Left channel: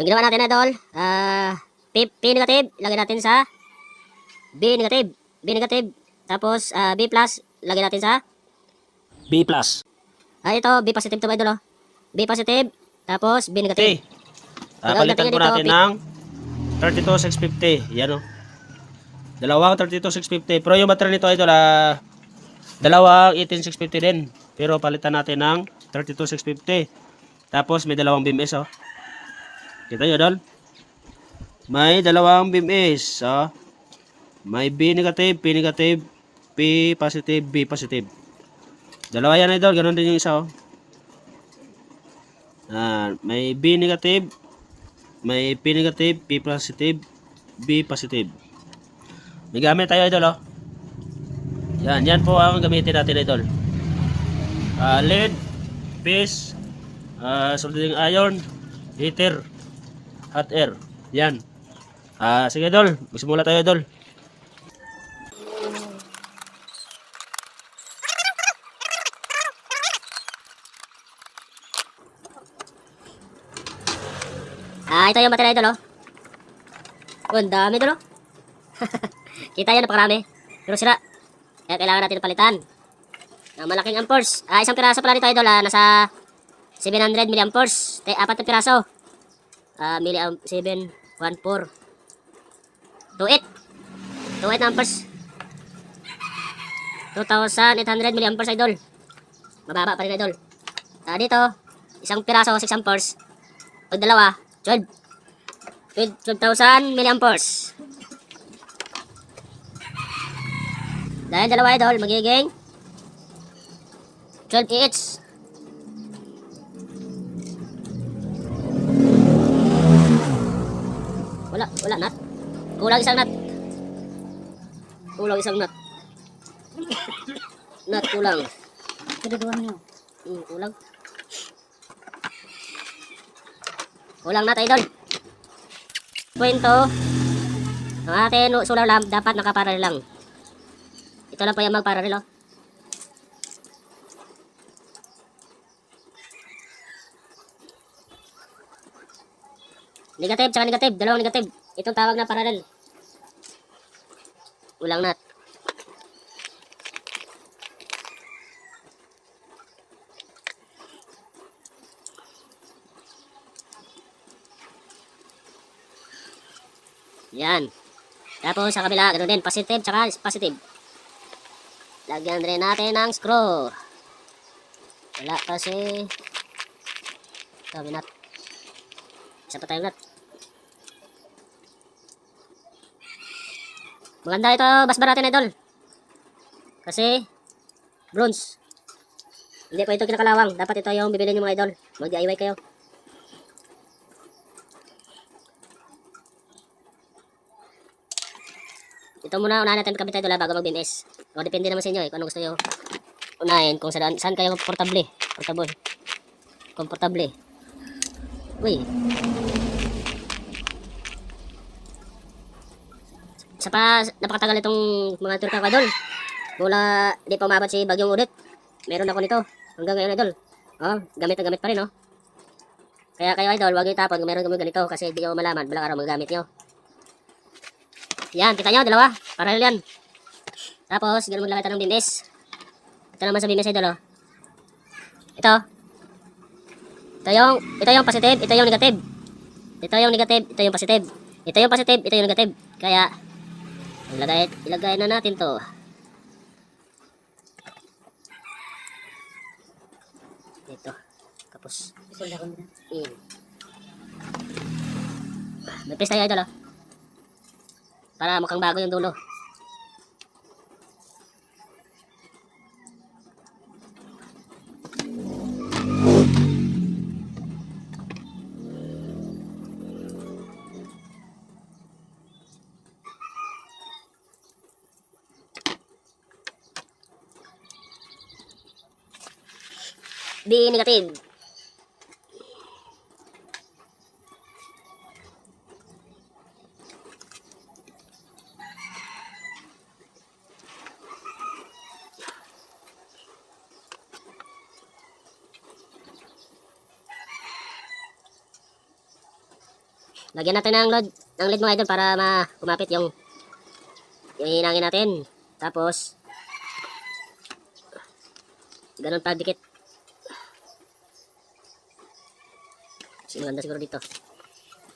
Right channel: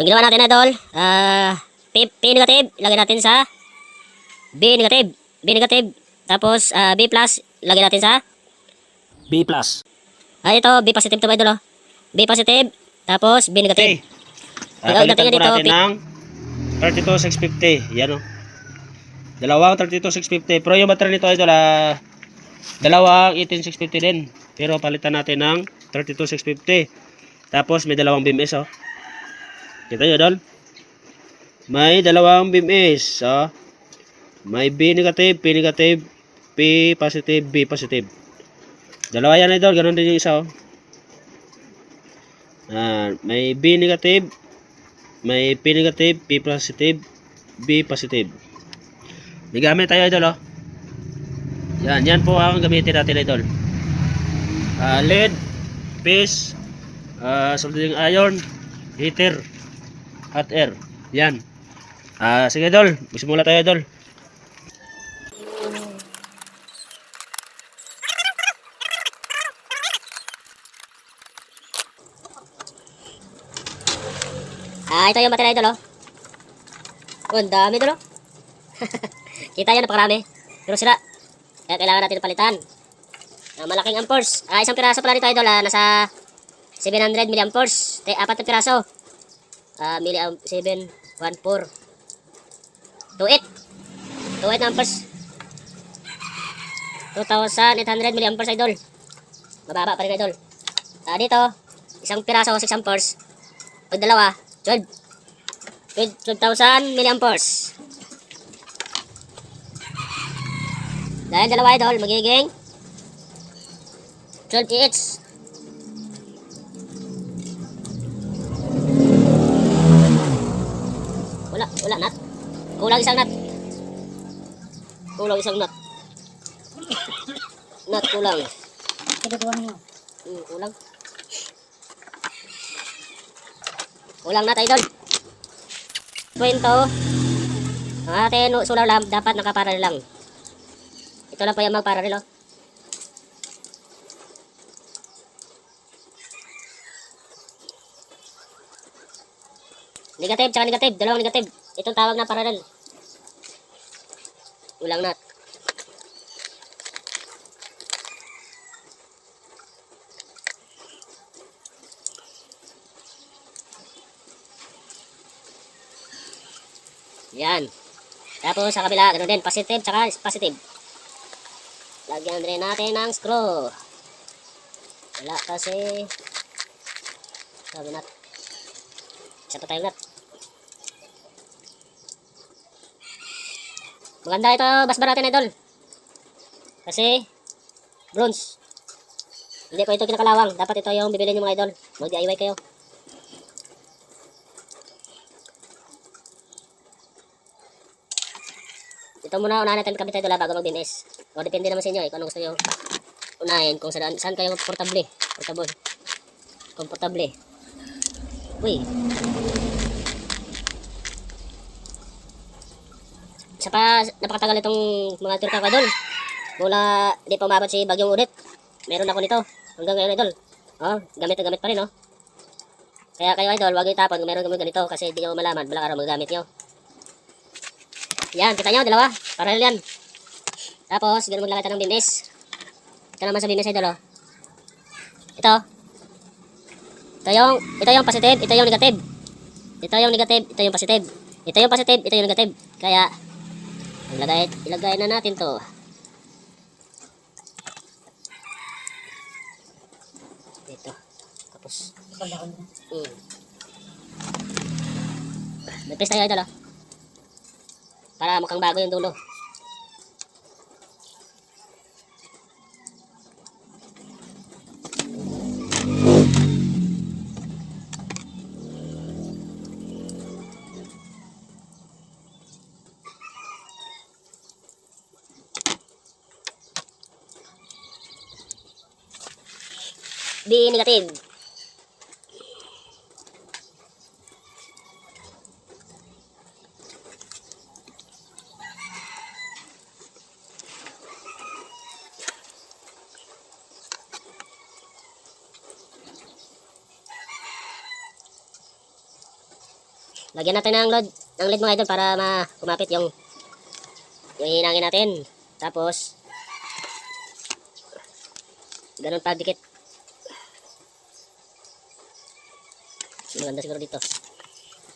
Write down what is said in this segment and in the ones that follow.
Yung ginawa natin idol, P negative, lagay natin sa B negative. B negative. Tapos B plus, lagay natin sa B plus. ito, B positive to idol, oh. B positive, tapos B negative. Okay. Palitan po dito, natin ng 32,650. Yan o. Dalawang 32,650. Pero yung battery nito idol, dalawang 18,650 din. Pero palitan natin ng 32,650. Tapos may dalawang BMS oh. Kita nyo idol? May dalawang BMS oh. May B negative, P negative, P positive, B positive. Dalawa yan idol, ganun din yung isa oh. May B negative, may P negative, P positive, B positive. May gamit tayo idol oh. Yan po ang gamitin natin idol. Lead, piece, soldering iron, heater, hot air. Yan. Sige idol, magsimula tayo idol. Ito yung battery idol, oh. Ang dami idol, oh. Kita yan, napakarami. Pero sira. Kaya kailangan natin palitan. Malaking amperes. Isang piraso pala nito idol, nasa 700 milliamperes. 4 na piraso. 714 28 na amperes. 2,800 milliamperes idol. Mababa pa rin idol. Dito, isang piraso 6 amperes. Pag dalawa, 12,000 milliamperes. Dahil dalawa idol, magiging 12 each. Wala nut. Kulang isang nut. Nut kulang. Kulang. Kulang nut idol. Punto. Ang ating solar lamp dapat nakaparallel lang. Ito lang po yung magparallel, oh. Negative tsaka negative, dalawang negative. Itong tawag na parallel. Ulang nut. Yan. Tapos sa kabila, ganoon din, positive tsaka positive. Lagyan rin natin ng screw. Wala kasi. Sabi nut. Isa pa tayong nut. Maganda ito, basbar natin idol. Kasi bronze. Hindi pa ito kinakalawang. Dapat ito yung bibili nyo mga idol. Mag-DIY kayo. Ito muna, unahin natin kabit idol bago mag-BMS. O depende naman sa inyo kung anong gusto nyo unahin. Kung saan kayo komportable. Uy. Isa pa, napakatagal itong mga turka idol. Mula di pa umabot si Bagyong Udit. Meron ako nito. Hanggang ngayon idol. Gamit na gamit pa rin, oh. Kaya kayo idol, huwag yung tapon kung meron kami ganito kasi hindi nyo malaman balang araw magagamit nyo. Yan, kita nyo, dalawa. Parallel yan. Tapos, ganun maglagay tayo ng BMS. Ito naman sa BMS idol, oh. Ito yung positive, ito yung negative. Ito yung negative, ito yung positive. Ito yung positive, ito yung negative. Kaya, ilagay na natin to. Ito. Tapos. May paste tayo idol, oh. Para mukhang bago yung dulo. B negative. Lagyan natin ng lead mga idol para kumapit yung hinangin natin. Tapos, ganun pa dikit. Mas maganda siguro dito.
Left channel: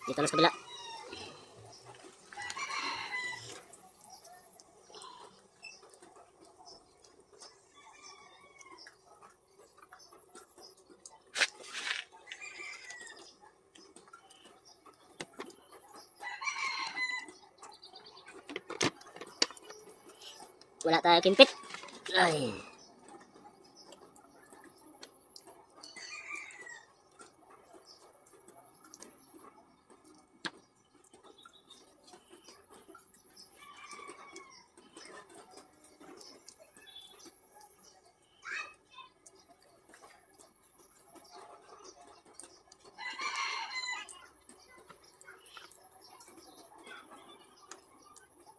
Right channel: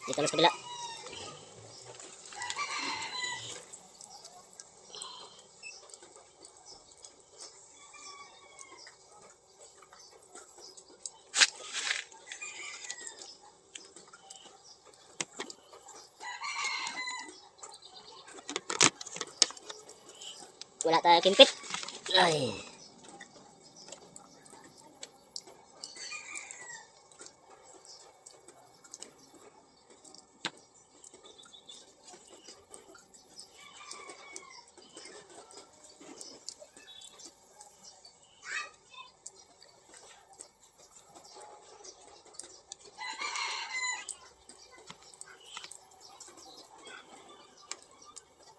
Dito na sa kabila. Wala tayo kimpit. Ay.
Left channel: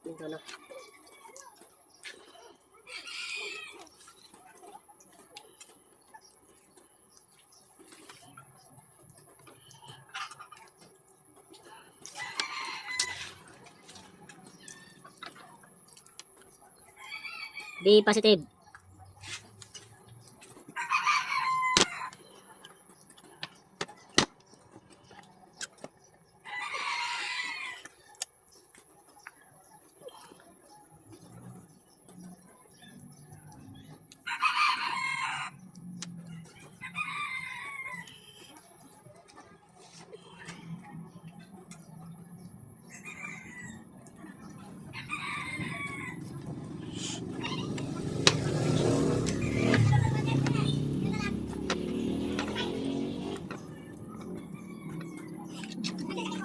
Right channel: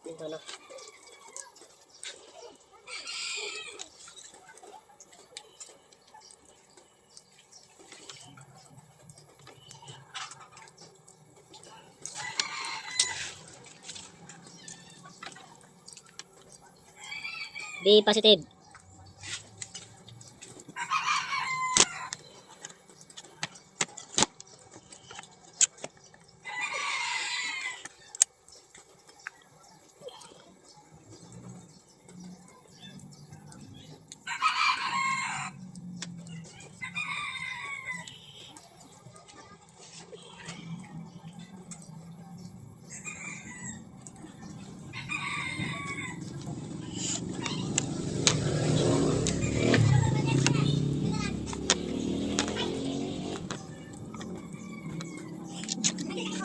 Dito na. B positive.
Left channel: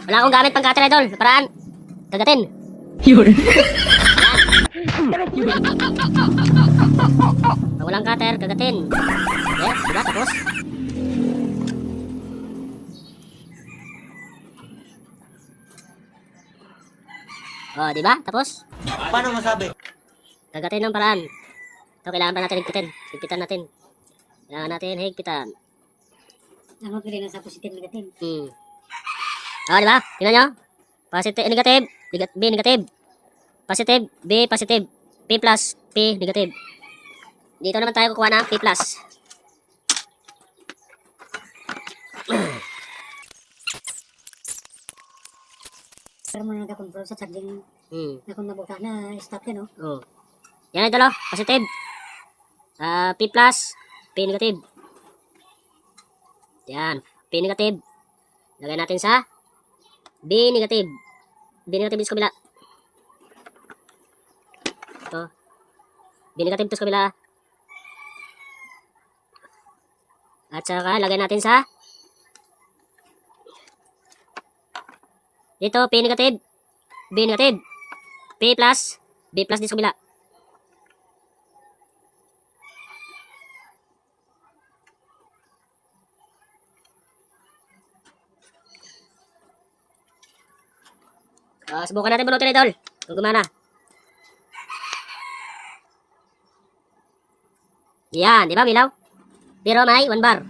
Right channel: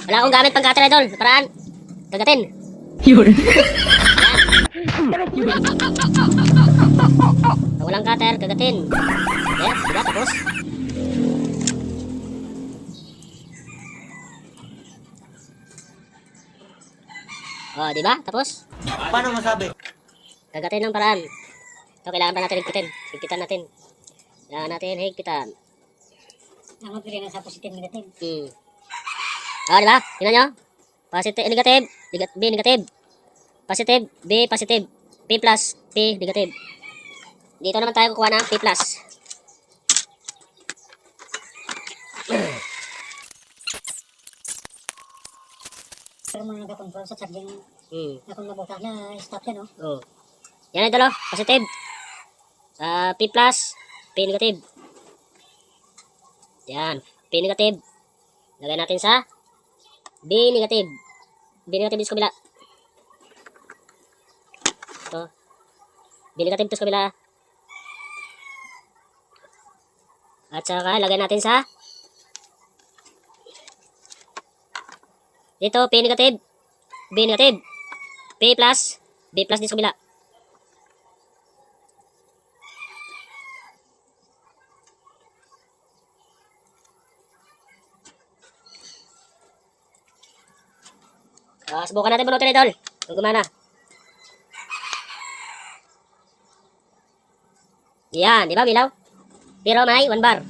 Wala akong gamit pang cutter idol. Paraan. Kagatin. Yun. Pag walang cutter, kagatin. Yes, diba? Tapos. Oh, diba? Tapos. Paano masabi? Kagatin ng paraan. Ito, kailangan pa natin higpitin. Higpitan natin. Kailangan natin higpitan. Ang pili na sa positive negative. Oh, diba? Tingnan nyo. Positive, negative. B, negative. Positive, B, positive. P plus, P, negative. Dito naman tayo kukuha ng P plus. Pero mo nagkakontrol sa charging na kung nabuka na stop yan, no? Oh. Yan idol, oh. Positive. P plus, P negative. Yan. P negative. Lagay natin sa B negative. B negative dito sa kabila. Ito. B negative dito sa kabila. At saka lagay natin sa dito P negative. B negative. P plus. B plus dito sa kabila. Subukan natin bunutin idol. Kung gumana. Yan, di ba milaw? Pero may 1 bar.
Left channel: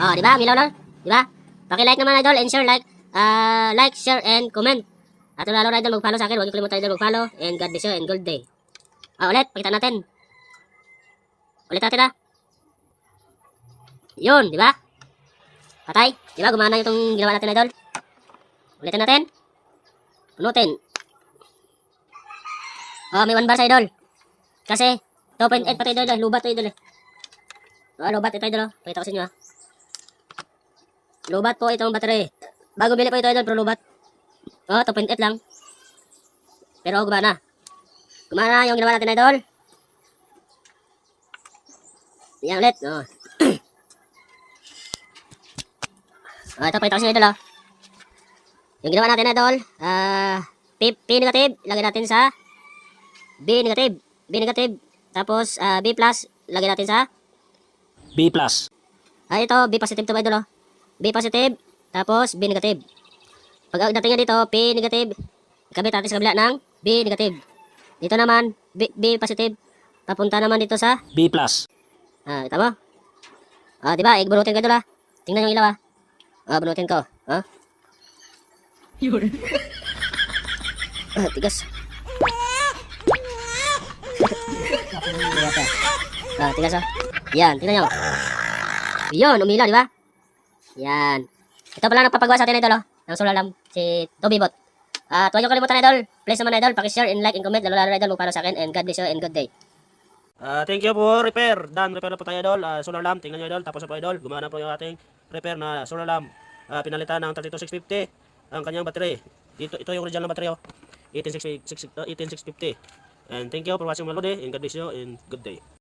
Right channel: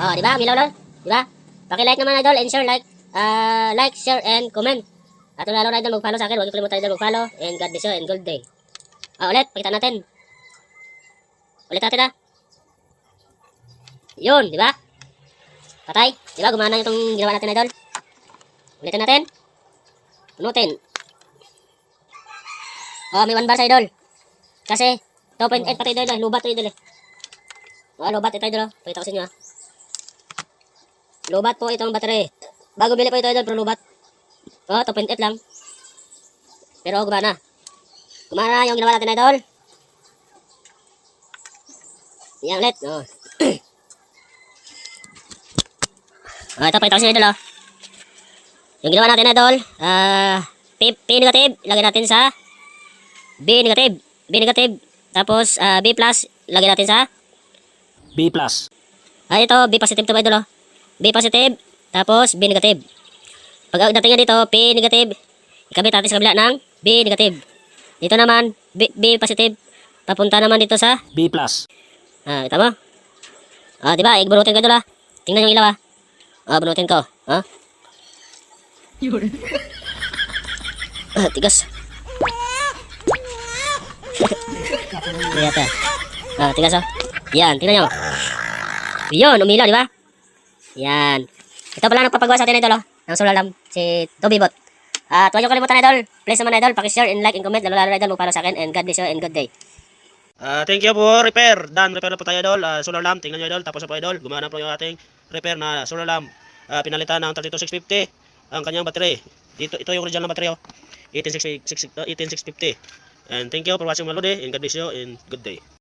Oh, di ba milaw lang? Di ba? Paki-like naman idol and share like, share and comment. At lalo na idol mag-follow sa akin. Huwag niyo kalimutan idol mag-follow and God bless you and gold day. Ulit, pakita natin. Ulit natin ah. Yun, di ba? Patay. Di ba gumana itong ginawa natin idol? Ulitin natin. Punutin. Oh, may 1 bar sa idol. Kasi 2.8 pati idol, lubat to idol eh. Oh, lubat ito idol. Pakita ko sa inyo ah. Lubat po itong battery. Bago bili po ito idol, pero lubat. Oh, 2.8 lang. Pero gumana. Gumana yung ginawa natin idol. Yan ulit. Oh. Oh, ito pakita ko sa inyo idol oh. Yung ginawa natin idol, P negative, lagay natin sa B negative. B negative. Tapos B plus, lagay natin sa B plus. ito, B positive to idol oh. B positive, tapos B negative. Pag dating dito, P negative, ikabit natin sa kabila ng B negative. Dito naman, B positive, papunta naman dito sa B plus. kita mo? Di ba? Bunutin ko idol ah. Tingnan yung ilaw ah. Bunutin ko. Tigas. Tigas oh. Yan, tingnan nyo. Yun, umilaw, di ba? Yan. Ito pala nagpapagawa sa atin, idol, oh. Ng solar lamp, si Toby Bot. At huwag niyo kalimutan, idol. Please naman, idol, pakishare and like and comment. Lalo, idol, para sa akin. And God bless you and good day. Thank you po, repair. Dan, repair na po tayo, idol. Solar lamp, tingnan nyo, idol. Tapos na po, idol. Gumana po yung ating repair na solar lamp. Pinalitan ng 32650 ang kanyang battery. Ito yung original na battery, oh. 18650. And thank you for watching my video, and God bless you and good day.